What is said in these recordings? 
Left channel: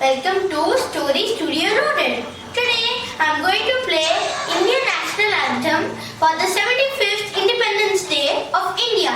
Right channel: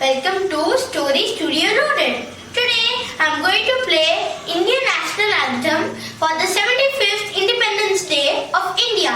welcome to Story Studio Loaded. Today I am going to play Indian National Anthem for the 75th Independence Day of India.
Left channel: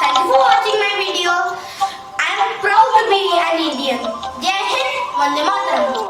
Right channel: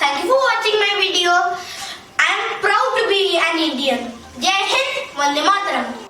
Thank you for watching my video. I am proud to be an Indian. Jaihind, Vande Mataram.